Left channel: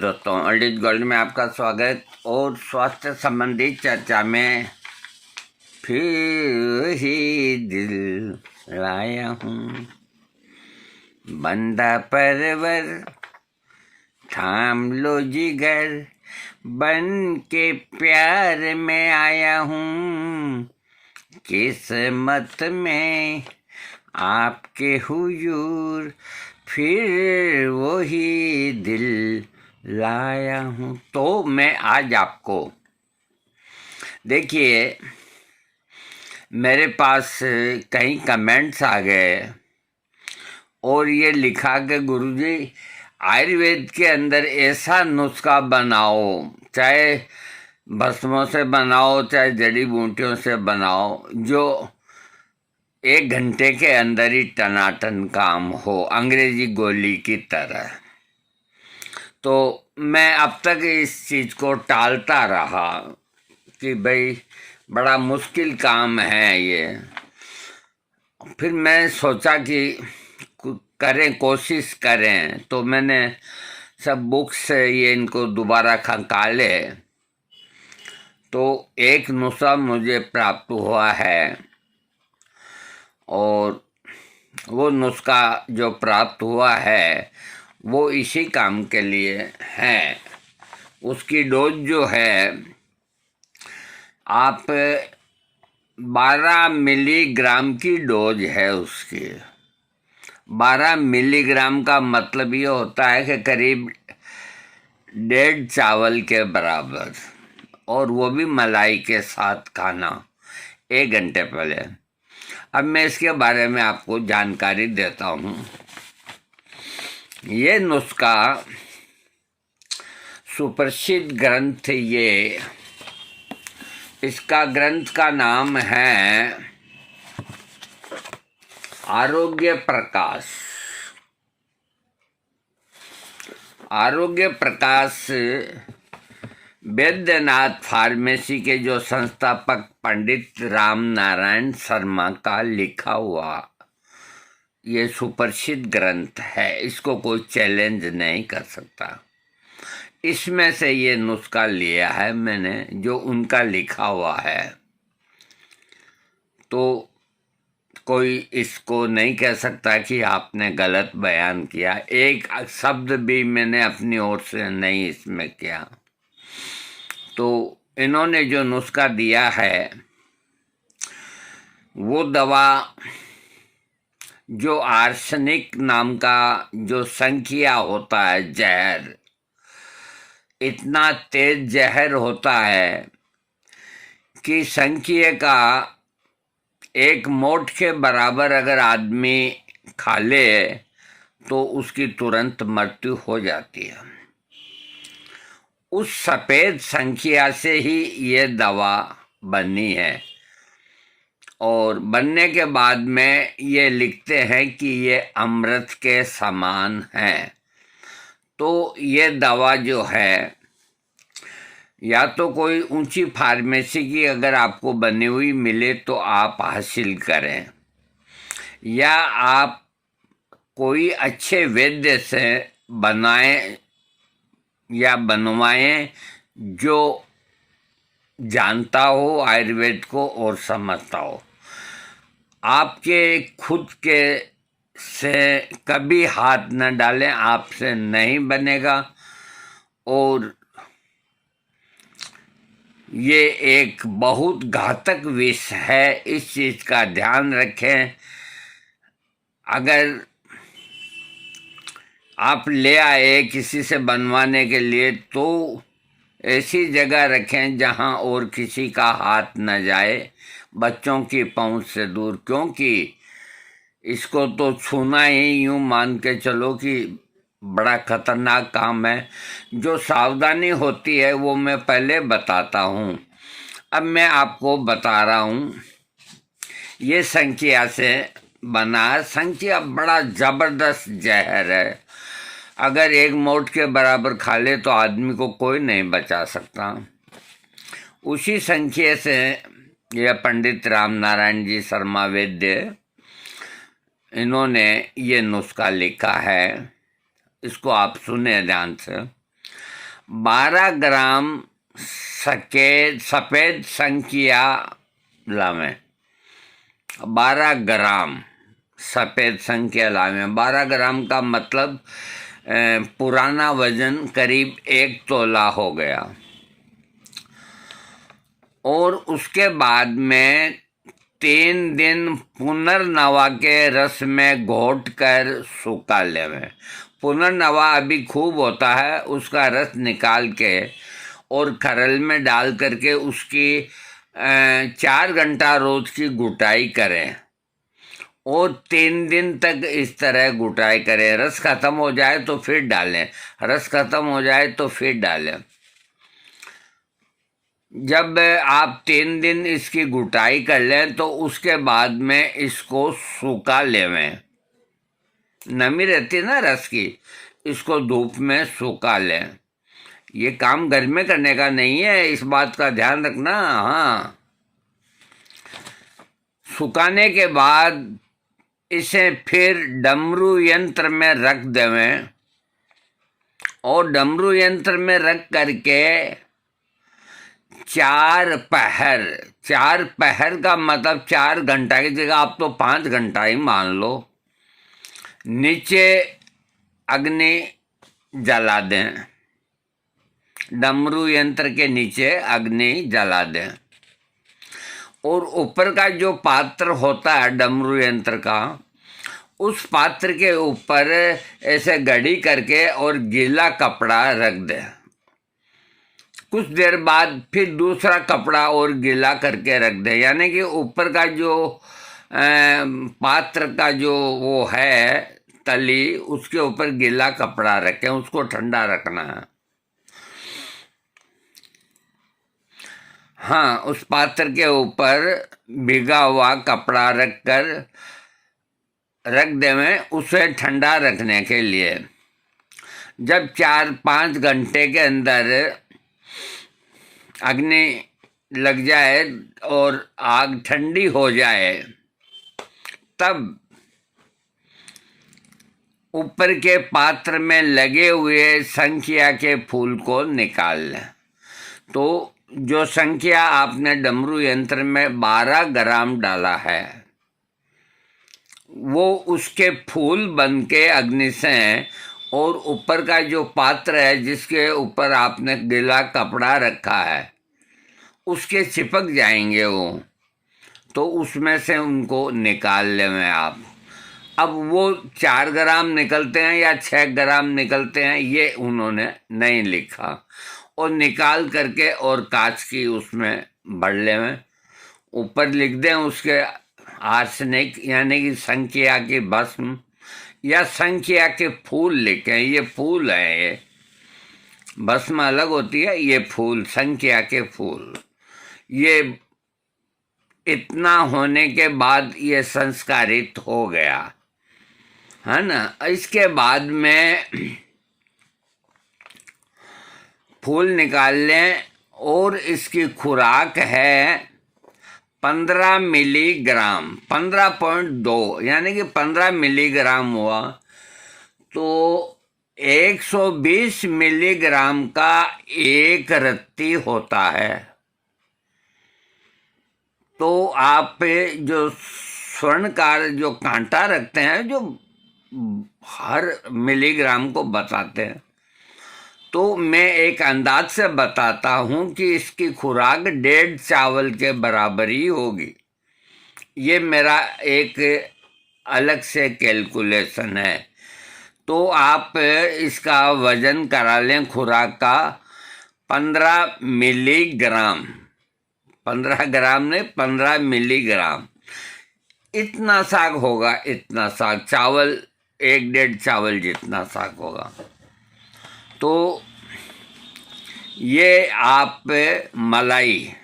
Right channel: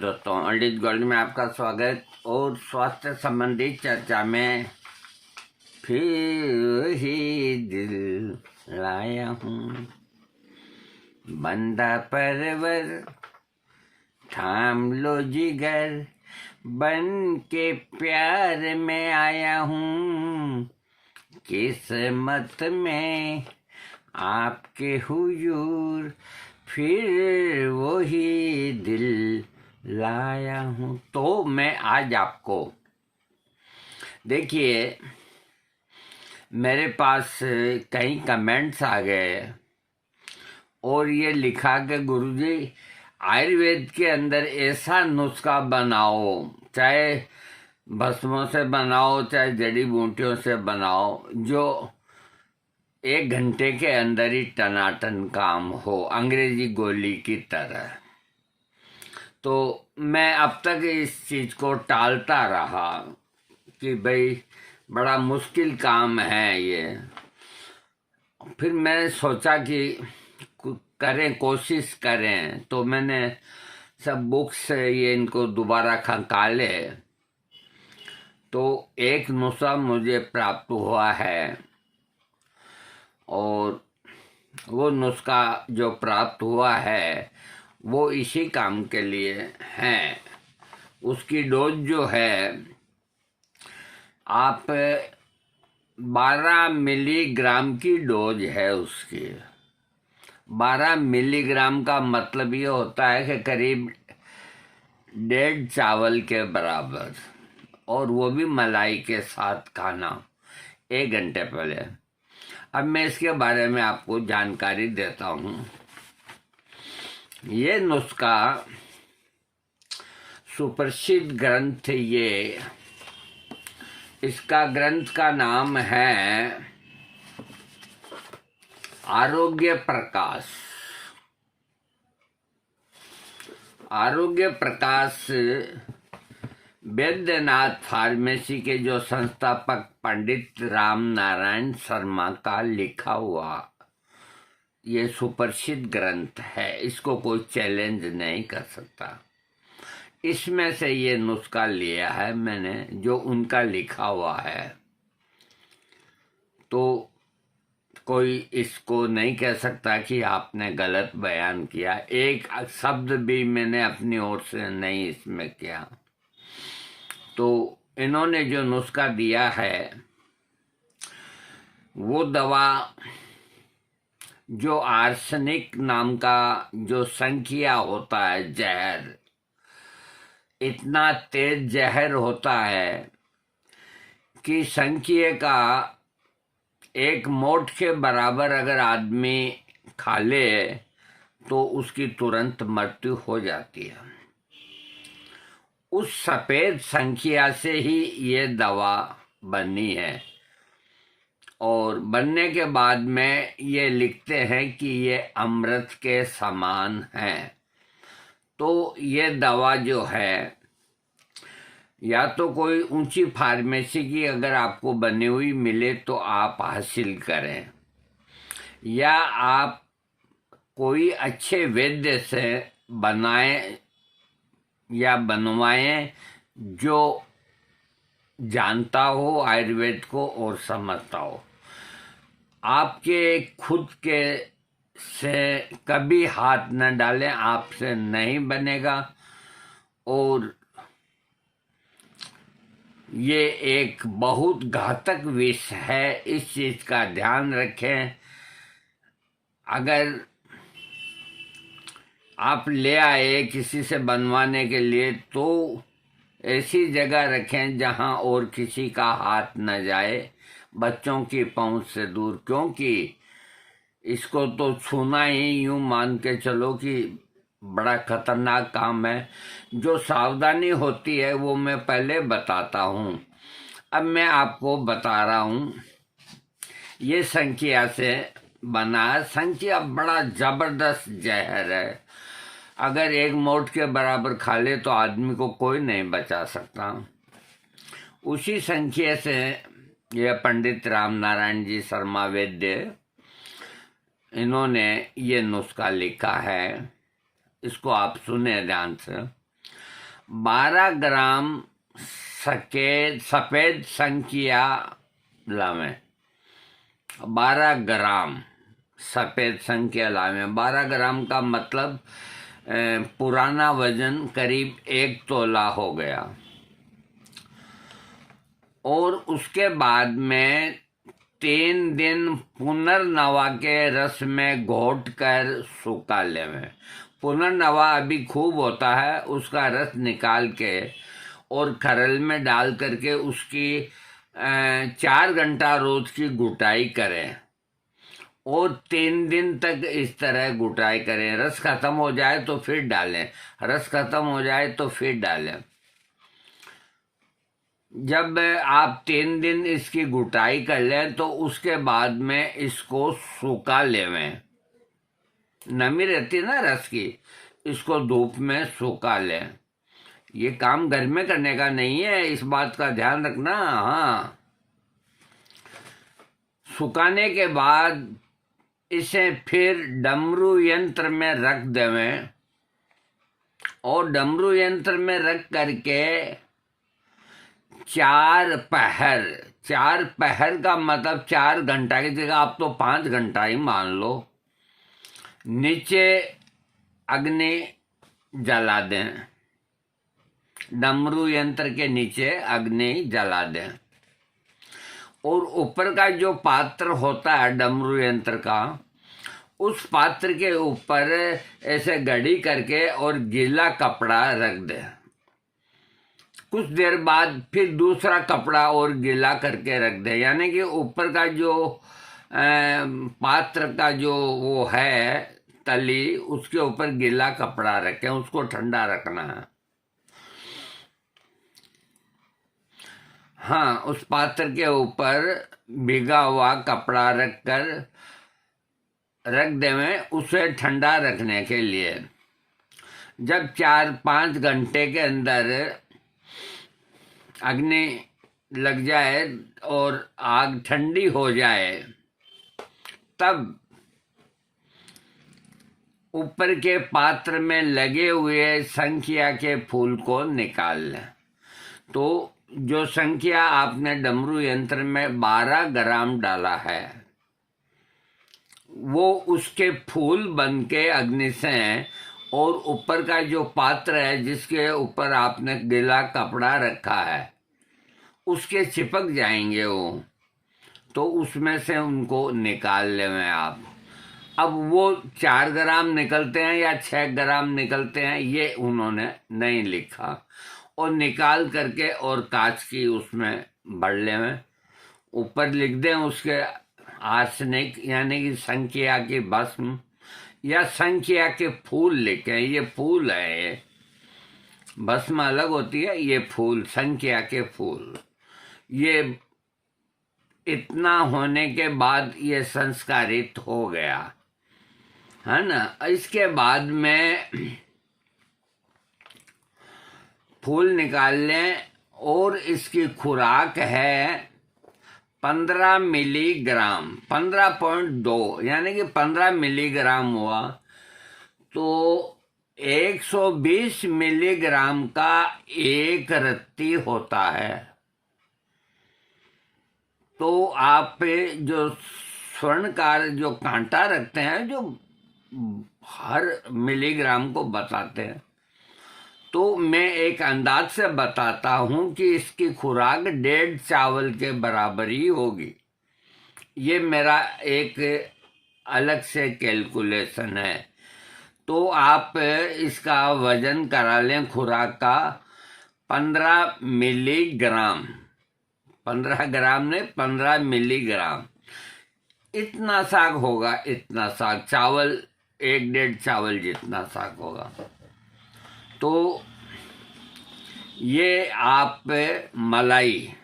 दोस्तों, old gold में आपका स्वागत। और स्वास्थ्य संबंधी चर्चा में फिर ही दिल लाया हूँ। बंदा परवर थाम लो जिगर, बन के प्यार में आया हूँ। किस्मत में आपके हुजूर फिर वही दिल लाया हूँ। तो मैं आज आपको, देखिए, मेरे पास कई कमेंट्स आ गए और ये लिखा कि गुरुजी आयुर्वेद के अंदर ऐसा नुस्खा बनाओ, चाहे भस्मों से बनाओ चाहे जड़ी बूटियों से बनाओ, जो 1 घंटे के अंदर ही टनाटन काम हो, अंग्रेजी गोली की तरह। तो मैं अब तक इस चीज़ को टालता रहा कि भाई बड़ा मुश्किल काम है ये। फिर मैं सोचा कि करें, कोशिश करें। तो मैंने सब बुक्स से ये इनको दोबारा खंगाले तो एक नुस्खा मुझे प्राप्त हुआ है। और वो नुस्खा जो प्राप्त हुआ है वो इसी काम के लिए है। उसकी डोज जो है, आप 12 मिलीग्राम की डोज है उसकी। 12 मिलीग्राम का मतलब ये होता है कि करीब 1.5 चावल के बराबर, और वो भी मलाई के साथ खाना 1 घंटे पहले। अब मैं इसके बारे में आपको जानकारी देता हूँ। ये नुस्खा सुप्रसिद्ध ग्रंथ, इसका ग्रंथ का नाम है आरोग्य प्रकाश। आरोग्य प्रकाश वैद्यनाथ फार्मेसी के जो संस्थापक पंडित राम नारायण शर्मा का लिखा हुआ ये सुप्रसिद्ध ग्रंथ है। इसको कोई चैलेंज नहीं कर सकता। इसमें से ये नुस्खा लिया है मैंने, जो उनका लिखा हुआ है। तो कोई इसको नहीं कह सकता कि आपने गलत बयान किया। एक शब्द भी मैंने अपनी ओर से नहीं इसमें किया। तो इन्होंने जो नुस्खा दिया है, वो दवा जो आर्सेनिक नाम का जो संखिया होता है, जहर, इतना तेज जहर होता है कि संखिया का 1 मोठ के बराबर अगर आदमी खा ले तो उसकी तुरंत मृत्यु हो जाती है। उस सफ़ेद संखिया से ही ये दवा बनी है। और बनने के बाद में ये लिखते हैं कि ये अमृत के समान है। तो ये दवा जो है, या तो कोई ऊंची फार्मेसी की अगर आपको बनी हुई मिले तो आप हासिल करें, या आप कोई अच्छे वैद्य से बनाएं या बनवाएं जो जानता हो आयुर्वेद को और समझता हो। आपके खुद के से कभी हाथ न डालें, आपसे नहीं बनेगा। और ये एक बहुत घातक विष है, इस चीज़ का ध्यान रखें। अगर आप ले आए किसी से बनवाने के लिए तो ऐसी जगह रखें जहां और किसी का हाथ न जाए, बच्चों की पहुंच से दूर। क्योंकि इसको तो छूना ही यूं मान के चलो कि बड़ा खतरनाक काम है। जो सावधानी होती है वो मैं पहले बताता हूँ। अब मैं आपको बता रहा हूँ। ये संखिया से बना है। संखिया बड़ा ज़बरदस्त जहर है। अगर 1 मोठ के बराबर खा ले तो आदमी को कोई नहीं बचा सकता। उसी संखिया से यह पंडित राम नारायण जी शर्मा वैद्य, इन्होंने ये नुस्खा लिखा है। इसको आप सुने ध्यान से। 12 ग्राम सफ़ेद संखिया लावें। 12 ग्राम सफ़ेद संखिया लावें। 12 ग्राम का मतलब पुराना वजन करीब 1 तोला हो गया। और उसके बाद में 3 दिन पुनर्नवा के रस में घोट कर सूखा लेवें। पुनर्नवा अभी खूब होता है, उसका रस निकाल के और खरल में डाल करके उसकी 4 घंटा रोज की गुटाई करें और 3 दिन तक इस तरह गुटाई करें। रस खत्म हो जाए तो फिर डालें, रस खत्म हो जाए तो फिर डालें। जब आप 3 दिन इसकी गुटाई कर लें तो उसके बाद में इसको सूखा लेवें। नमी रहती ना रस की, इसको धूप में सूखा लें। ये काम घर में करने का नहीं है, इस बात का ध्यान रखना। हाँ, सुखाने के बाद इसे फिर डमरू यंत्र में रख देवें और डमरू यंत्र में रख करके 4 पहर का मतलब 4 घंटा की जगह आप तो 5 घंटा ही मान लो, नीचे अग्नि जला दें। डमरू यंत्र के नीचे अग्नि जला दें और ऊपर का जो पात्र होता है डमरू यंत्र का, उस पात्र के ऊपर ऐसे घड़ी करके और गीला कपड़ा रख दें। कुछ देर बाद फिर दूसरा कपड़ा और गीला करके रख दें, यानी कि ऊपर का जो पात्र का जो वो है तली, उसके ऊपर गीला कपड़ा रखें, उसको ठंडा रखना है। हाँ, उस पात्र के ऊपर भीगा हुआ कपड़ा रख देवें उसे ठंडा रखने के लिए। जब 4-5 घंटे के अंदर अग्नि लग जाए और आग ठंडी हो जाए, तब ऊपर के पात्र में लगे हुए संखिया के फूल को निकाल लें। तो जो संख्या आपने डमरू यंत्र में 12 ग्राम डाला है, वो उसके फूल बन के अग्नि से और ऊपर का जो पात्र है जिसके ऊपर आपने गीला कपड़ा रखा है, उसके चिपक जाएंगे वो। तो उसमें से उनको निकाल लें आप। अब वो 4 ग्राम निकलते हैं या 6 ग्राम निकलते हैं ये उन्होंने नहीं लिखा, और निकाल करके और कांच की उसमें भर लें। ऊपर लिख दें उसके आर्सेनिक यानी कि संखिया की भस्म या संखिया के फूल लिखें। ये फूल है, ये भस्म अलग होती है, ये फूल संखिया के फूल। ये इतना होने के बाद ये संस्कारित हो गया है ना। इसके बाद में फूल निकाल लें और इसकी खुराक है 15 मिलीग्राम, 15.2 यानी कि 15 मिलीग्राम हुआ तो 120 मिलीग्राम का एक रत्ती होता है। तो आप जो स्वर्णकार जो कांटा रखते हैं, जो हर मिलीग्राम को बताते हैं, तो मैं एक अंदाज से बताता हूँ कि इसकी खुराक 1.5 चावल के बराबर ही होगी। ये मेरा एक अलग से कैलकुलेशन है। तो आप इसका वजन करा लें खुराक का 15 मिलीग्राम, 15 ग्राम नहीं 15 मिलीग्राम। इतना साग होगा, इतना साग, चावल 1-1.5 चावल जितना साग होगा। तो ये आप मलाई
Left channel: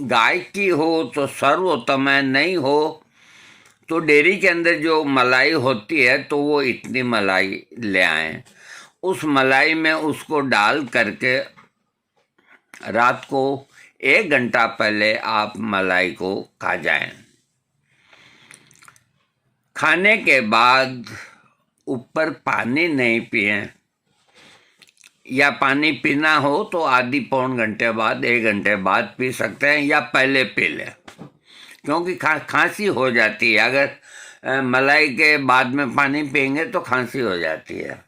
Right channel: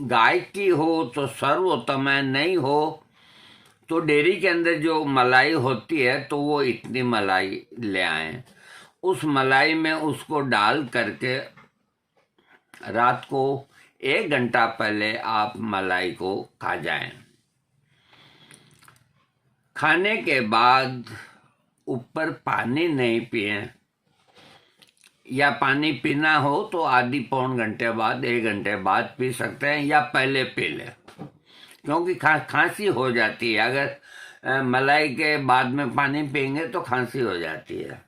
गाय की हो तो सर्वोत्तम है, नहीं हो तो डेयरी के अंदर जो मलाई होती है तो वो इतनी मलाई ले आएं। उस मलाई में उसको डाल करके रात को 1 घंटा पहले आप मलाई को खा जाएं। खाने के बाद ऊपर पानी नहीं पिएं, या पानी पीना हो तो आधी पौन घंटे बाद, 1 घंटे बाद पी सकते हैं, या पहले पी लें, क्योंकि खांसी हो जाती है। अगर मलाई के बाद में पानी पिएंगे तो खांसी हो जाती है।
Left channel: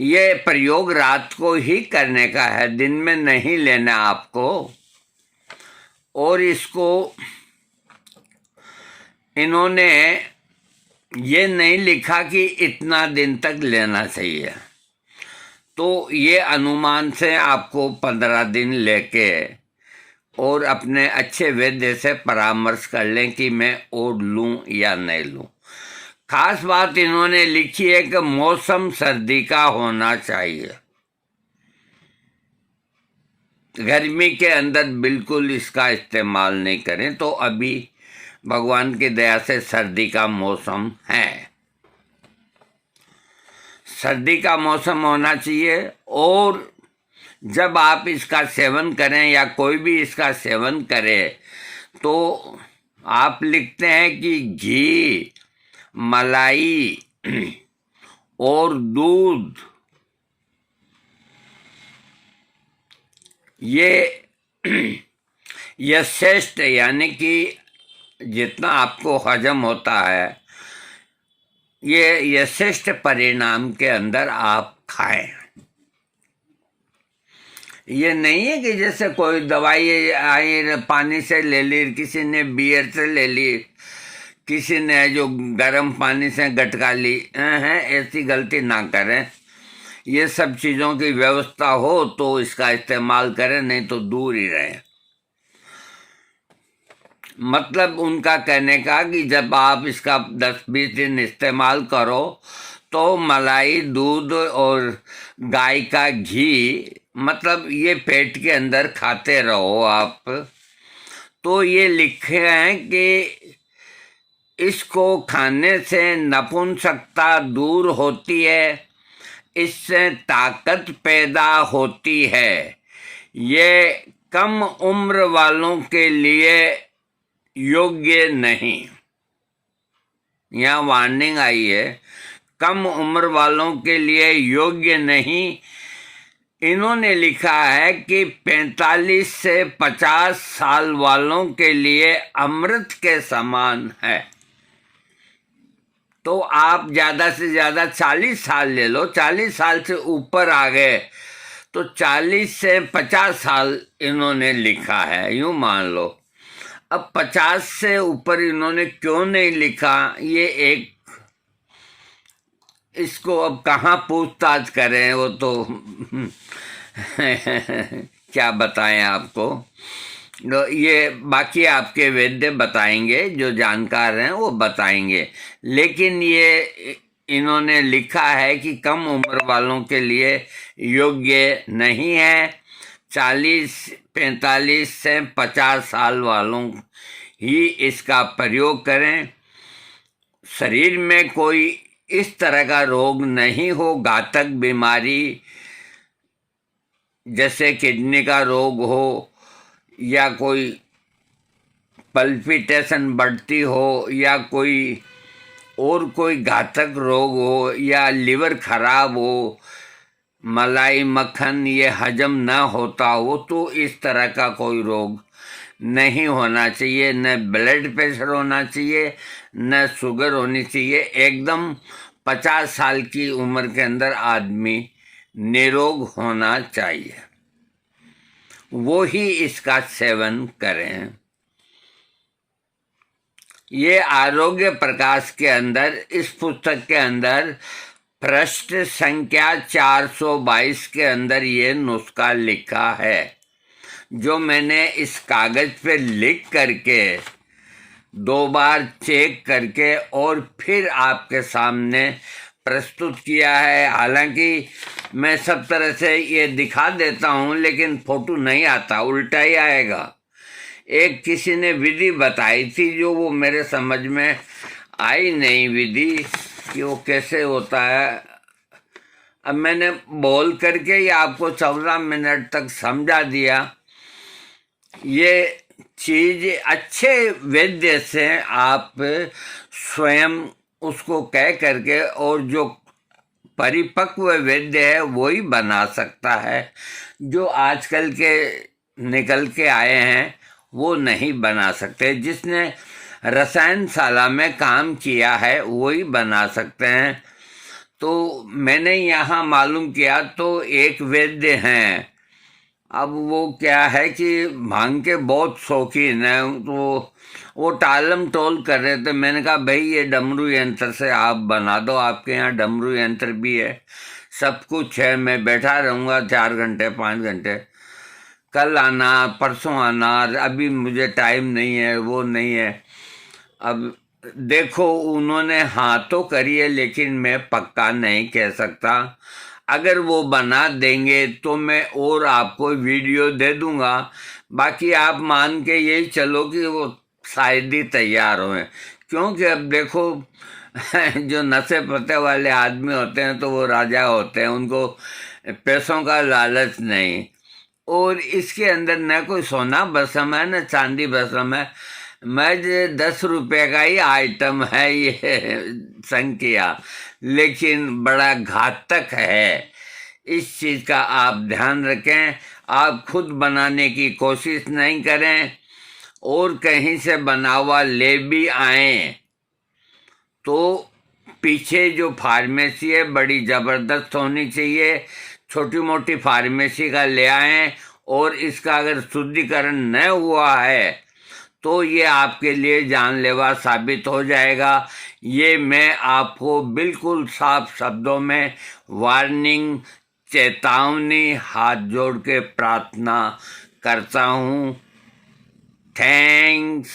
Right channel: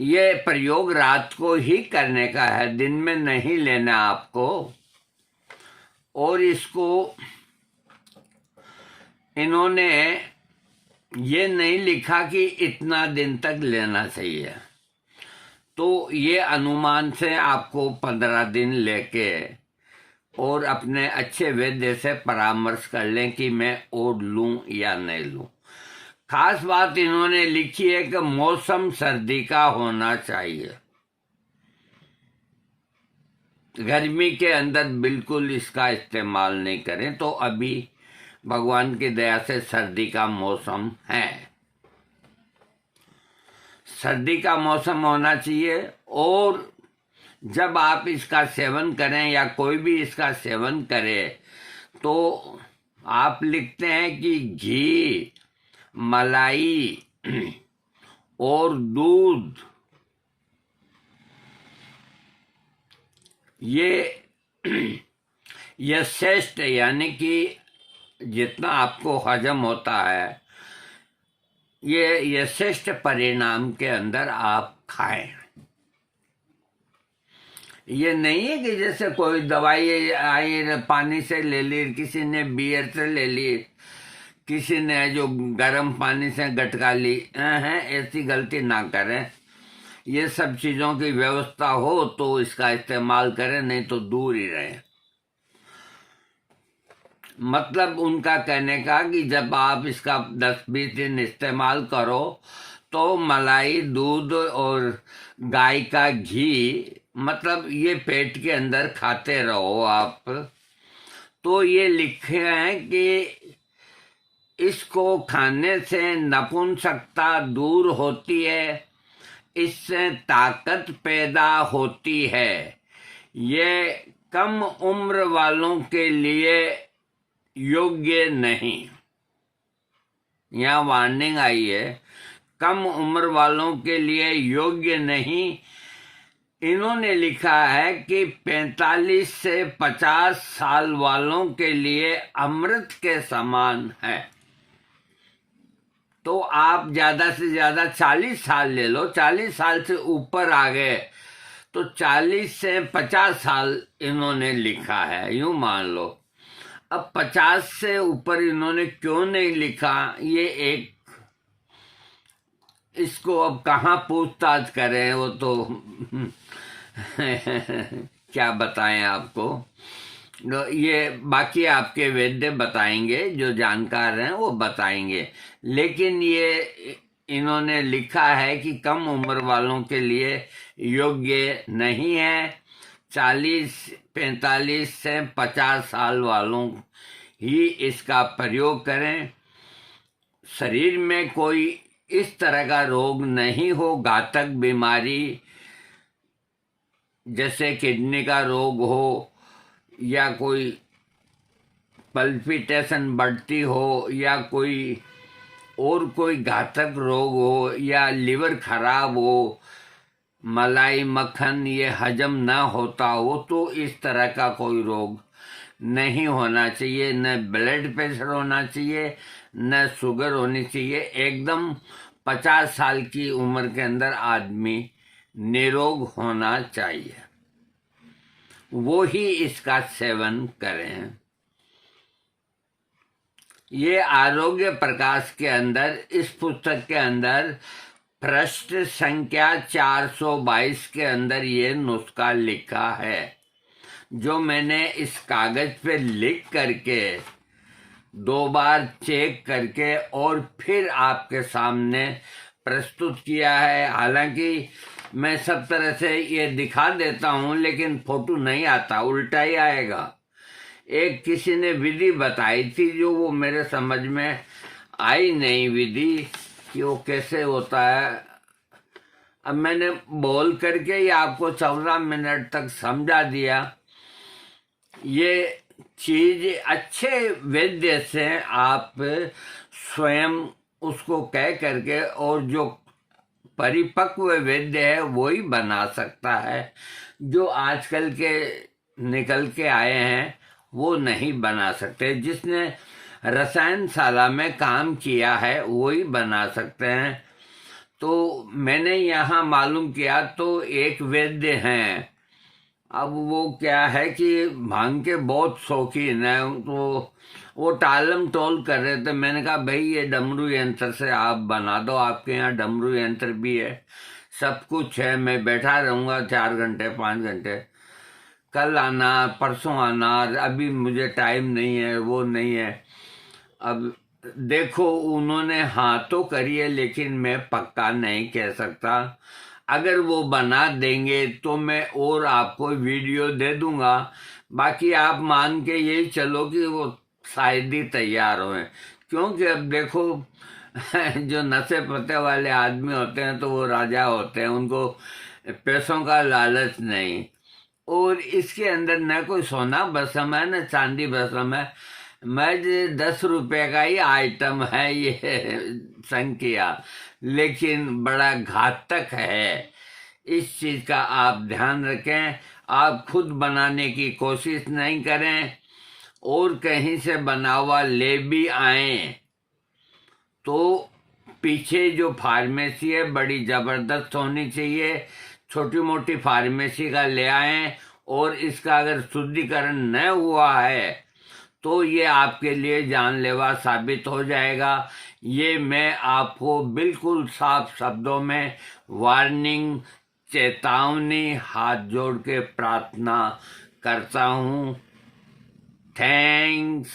ये प्रयोग रात को ही करने का है, दिन में नहीं लेना आपको। और इसको इन्होंने ये नहीं लिखा कि इतना दिन तक लेना चाहिए, तो ये अनुमान से आपको 15 दिन लेके और अपने अच्छे वैद्य से परामर्श कर लें कि मैं ओढ़ लूं या नहीं लूं। खास बात इन्होंने लिखी है कि मौसम सर्दी का होना चाहिए। गर्मी के अंदर बिल्कुल इसका इस्तेमाल नहीं करें। तो अभी भगवान की दया से सर्दी का मौसम है, सर्दी का मौसम होना चाहिए। और जब आप इसका सेवन करें या कोई भी इसका सेवन करे तो आप लिखते हैं कि घी, मलाई और दूध ये श्रेष्ठ, यानी कि जितना आपको हजम होता है ये श्रेष्ठ परिणाम के अंदर आप खाएं। ये नहीं है कि जैसे कोई दवाई आई पानी से ले ली, किसी ने बियर से ले ली, किसी ने जो गर्म पानी से गटका ली है, ऐसी गलती ना करें। ये सब चीज़ों की व्यवस्था हो तो इसका इस्तेमाल करें, नहीं तो दूर ही रहें। मतलब उनका कहने का कि जब आप इसका 10-20 दिन इस्तेमाल करो तो मलाई, दूध और गाय का घी, मतलब ये पेट के अंदर खाते रहो आप। तो ये लिखे हैं कि इसको खाने से नपुंसकता दूर होती है, इससे ताकत पैदा होती है, ये कम उम्र वालों के लिए योग्य नहीं। यहाँ वार्निंग आई है, कम उम्र वालों के लिए योग्य नहीं। इन्होंने लिखा है कि 45 से 50 साल वालों के लिए अमृत के समान है। तो आप ज़्यादा से ज़्यादा 40 साल ले लो, 40 साल से ऊपर आ गए तो 40 से 50 साल इन्होंने लिखा है, यूँ मान लो। अब 50 से ऊपर इन्होंने क्यों नहीं लिखा, ये एक, इसको अब कहाँ पूछताछ करें, वो तो क्या बताएं आपको। तो ये बाकी आपके वैद्य बताएंगे, जो जानकार हैं वो बताएंगे। लेकिन ये इन्होंने लिखा है कि कम उम्र वालों के लिए योग्य नहीं है, 40, 45 से 50 साल वालों ही इसका प्रयोग करें। शरीर में कोई इस तरह का रोग नहीं हो, घातक बीमारी जैसे किडनी का रोग हो, या कोई पल्पिटेशन बढ़ती हो, या कोई और कोई घातक रोग हो, या लिवर खराब हो, मलाई मक्खन ये हजम ना होता हो, तो इस तरह का कोई रोग नहीं होना चाहिए। न ब्लड प्रेशर होना चाहिए, न शुगर होनी चाहिए। एकदम 50 साल की उम्र के अंदर आदमी निरोग होना चाहिए, वो ही इसका सेवन करें। ये आरोग्य प्रकाश के अंदर, इस पुस्तक के अंदर पृष्ठ संख्या 422 के अंदर ये नुस्खा लिखा है, जो मैंने इस कागज पे लिख करके 2 बार चेक करके और फिर आपके सामने प्रस्तुत किया है। हालांकि मैं सब तरह से ये दिखा देता हूँ, लेकिन फोटो नहीं आता, उल्टा ही आएगा। एक किसी ने विधि बताई थी, जो वो मेरे समझ में आई नहीं विधि कि वो कैसे होता है। अब मैंने बोल करके ही आपको 14 मिनट तक समझा दिया। ये चीज अच्छे वैद्य से आप स्वयं उसको कह करके, और जो परिपक्व वैद्य है वो ही बना सकता है। जो आजकल के निकल के आए हैं वो नहीं बना सकते। जिसने रसायनशाला में काम किया है वो ही बना सकते हैं। तो मैंने यहाँ मालूम किया तो एक वैद्य हैं, अब वो क्या है कि भांग के बहुत शौकीन है, तो वो टालम टोल कर रहे थे। मैंने कहा भाई ये डमरू यंत्र से आप बना दो, आपके यहाँ डमरू यंत्र भी है, सब कुछ है, मैं बैठा रहूँगा 4 घंटे 5 घंटे, कल आना परसों आना, अभी मुझे टाइम नहीं है, वो नहीं है। अब देखो उन्होंने हाँ तो करी है, लेकिन मैं पक्का नहीं कह सकता। अगर वो बना देंगे तो मैं और आपको वीडियो दे दूंगा। बाकी आप मान के यही चलो कि वो शायद ही तैयार हों, क्योंकि अब देखो जो नशे पत्ते वाले आदमी होते हैं तो वो राजा होते हैं, उनको पैसों का लालच नहीं। और इसके अंदर न कोई सोना भस्म है न चांदी भस्म है, महज 10 रुपये का ही आइटम है ये संख्या, लेकिन बड़ा घातक है। इस चीज़ का आप ध्यान रखें। आप खुद बनाने की कोशिश नहीं करें, और कहीं से बना हुआ ले भी आए तो पीछे जो फार्मेसी है बड़ी ज़बरदस्त होनी चाहिए। छोटी मोटी फार्मेसी का ले आएं, और इसका अगर शुद्धिकरण न हुआ है तो ये आपके लिए जानलेवा साबित हो जाएगा। ये मैं आपको बिल्कुल साफ शब्दों में वार्निंग, चेतावनी हाथ जोड़ के प्रार्थना करता हूँ। थैंक्स।